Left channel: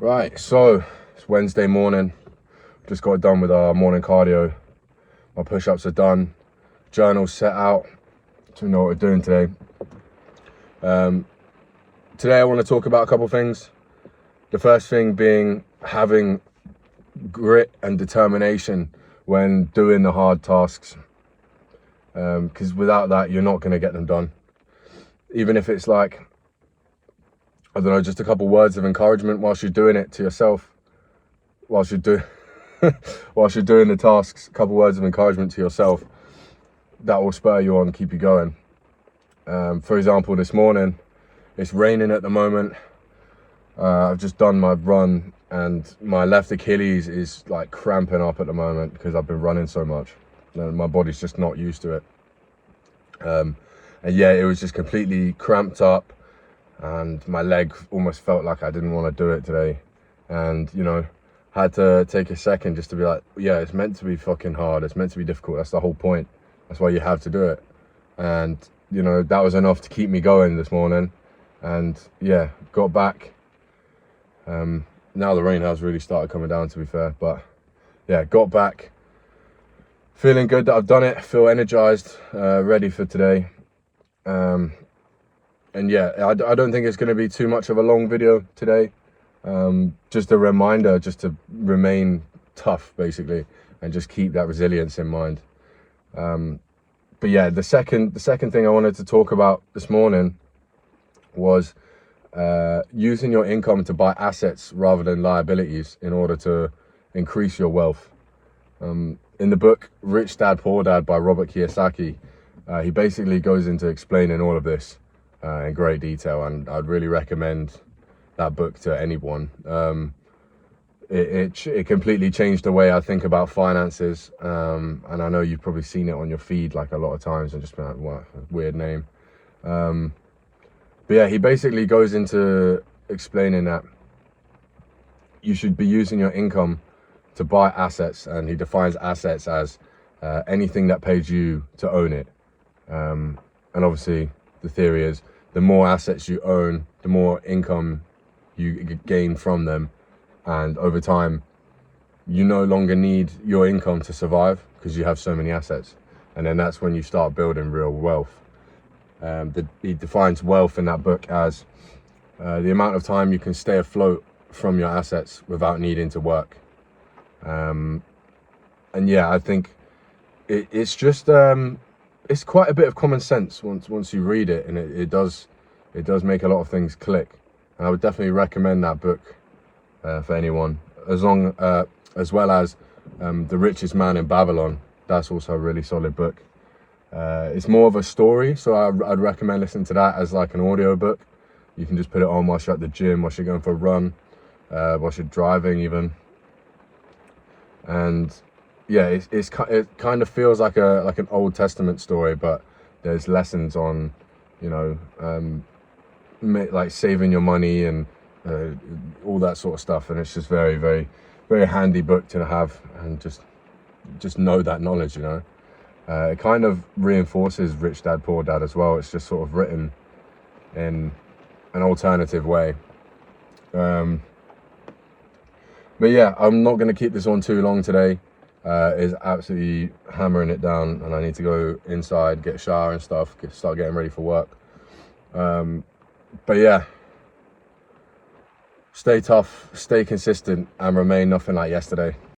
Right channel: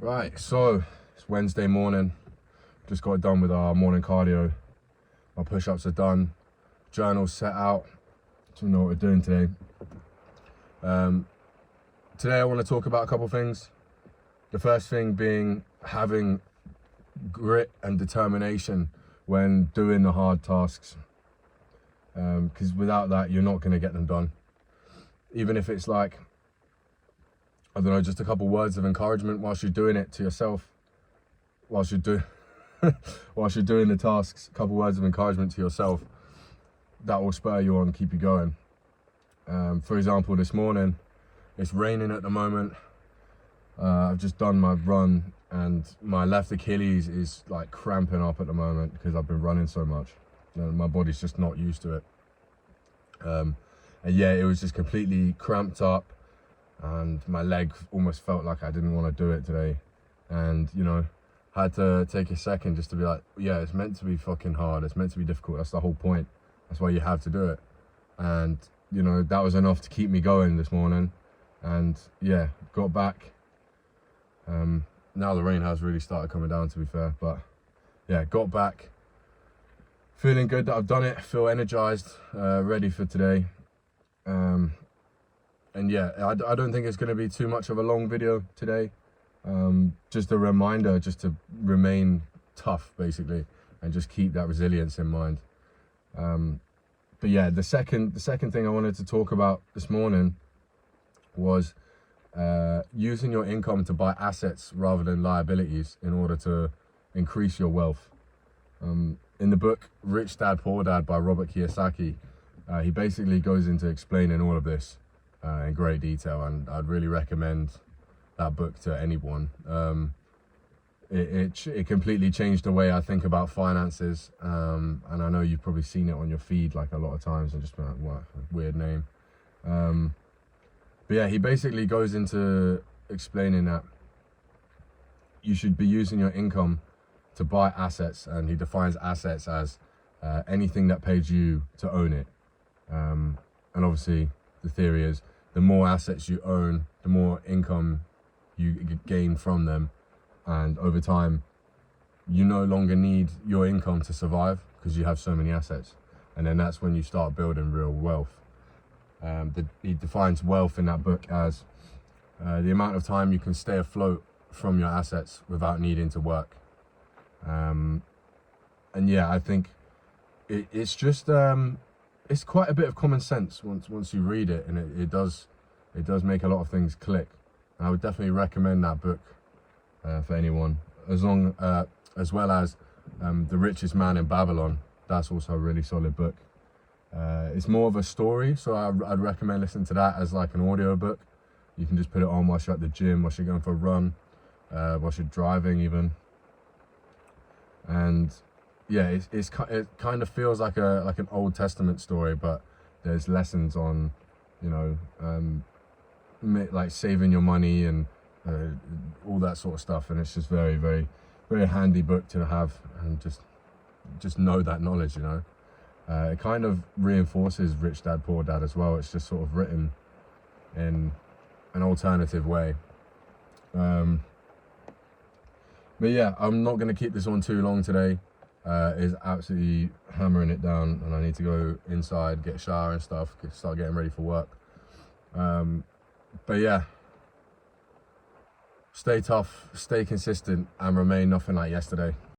Right, so it's Wednesday morning. Just got done with our morning cardio. My push-ups are done. Journal's set out. So we know what we're doing today. Today I want to talk about a couple things. The first thing being having grit and determination when doing the hard tasks. Because without that, you're not going to get them done. Even if it's like, I don't know, just a couple words of encouragement whilst you're doing it to yourself, whilst you're doing the tasks, a couple words of encouragement to yourself, that will spur you on, keep you going. For example, this morning, it's raining at the moment. I've just done my run and my left Achilles is like cramping up at the moment because I've been running so much. My body's just not used to it. And yeah, it was just completely cramped up. And my leg almost felt like I didn't want to do it today. And, you know, had to take a second just to be like, yeah, it's meant to be fucking hard. It's meant to be difficult. That's the whole point. That's why you have to do it. And, you know, that was enough to keep me going this morning. And yeah, got back. Now the rain has really started coming down, to be fair. But yeah, got back. Feeling good that I've done it. Feel energized, ready for today. And yeah, I don't think it's going to be too much of a long video today. Just a reminder just to remain tough, basically, and just keep that resilience in mind. But yeah, the second thing I wanted to talk about this morning was using your income to buy assets rather than liabilities in order to increase your wealth. In the book Rich Dad Poor Dad by Robert Kiyosaki, he basically goes into explaining all of this in great detail, and I'd really recommend that book to anyone. It completely changed the way I think about finances, and I know you've probably seen it on your feed like a lot of times and just been like, what a weird name. But yeah, he basically goes into explaining that you should be using your income to buy assets, and he defines assets as anything that pays you to own it. And obviously the theory is the more assets you own, the more income you gain from them. And over time, you no longer need your income to survive because you have so many assets. And then that's when you start building real wealth. He defines wealth in that book as the amount of time you can stay afloat from your assets without needing to work. And yeah, I think it's just it's quite a bit of common sense once you read it, and it does make a lot of things click. And I would definitely recommend that book for anyone, as well as The Richest Man in Babylon. That's also a really solid book. It's more of a story, so I'd recommend listening to that as like an audiobook. You can just put it on whilst you're at the gym, whilst you're going for a run, whilst you're driving even. And yeah, it kind of feels like an Old Testament story, but there's lessons on, you know, like saving your money and all that sort of stuff. And it's just very, very, very handy book to have, and just know that knowledge, you know. It kind of reinforces Rich Dad Poor Dad as well. It's just sort of written in an alternative way. But yeah, I'm not going to keep this on too long today. Is absolutely hammering it down, and I need to go inside, get a shower and stuff, start getting ready for work. But yeah, stay tough, stay consistent, and remain nothing like yesterday.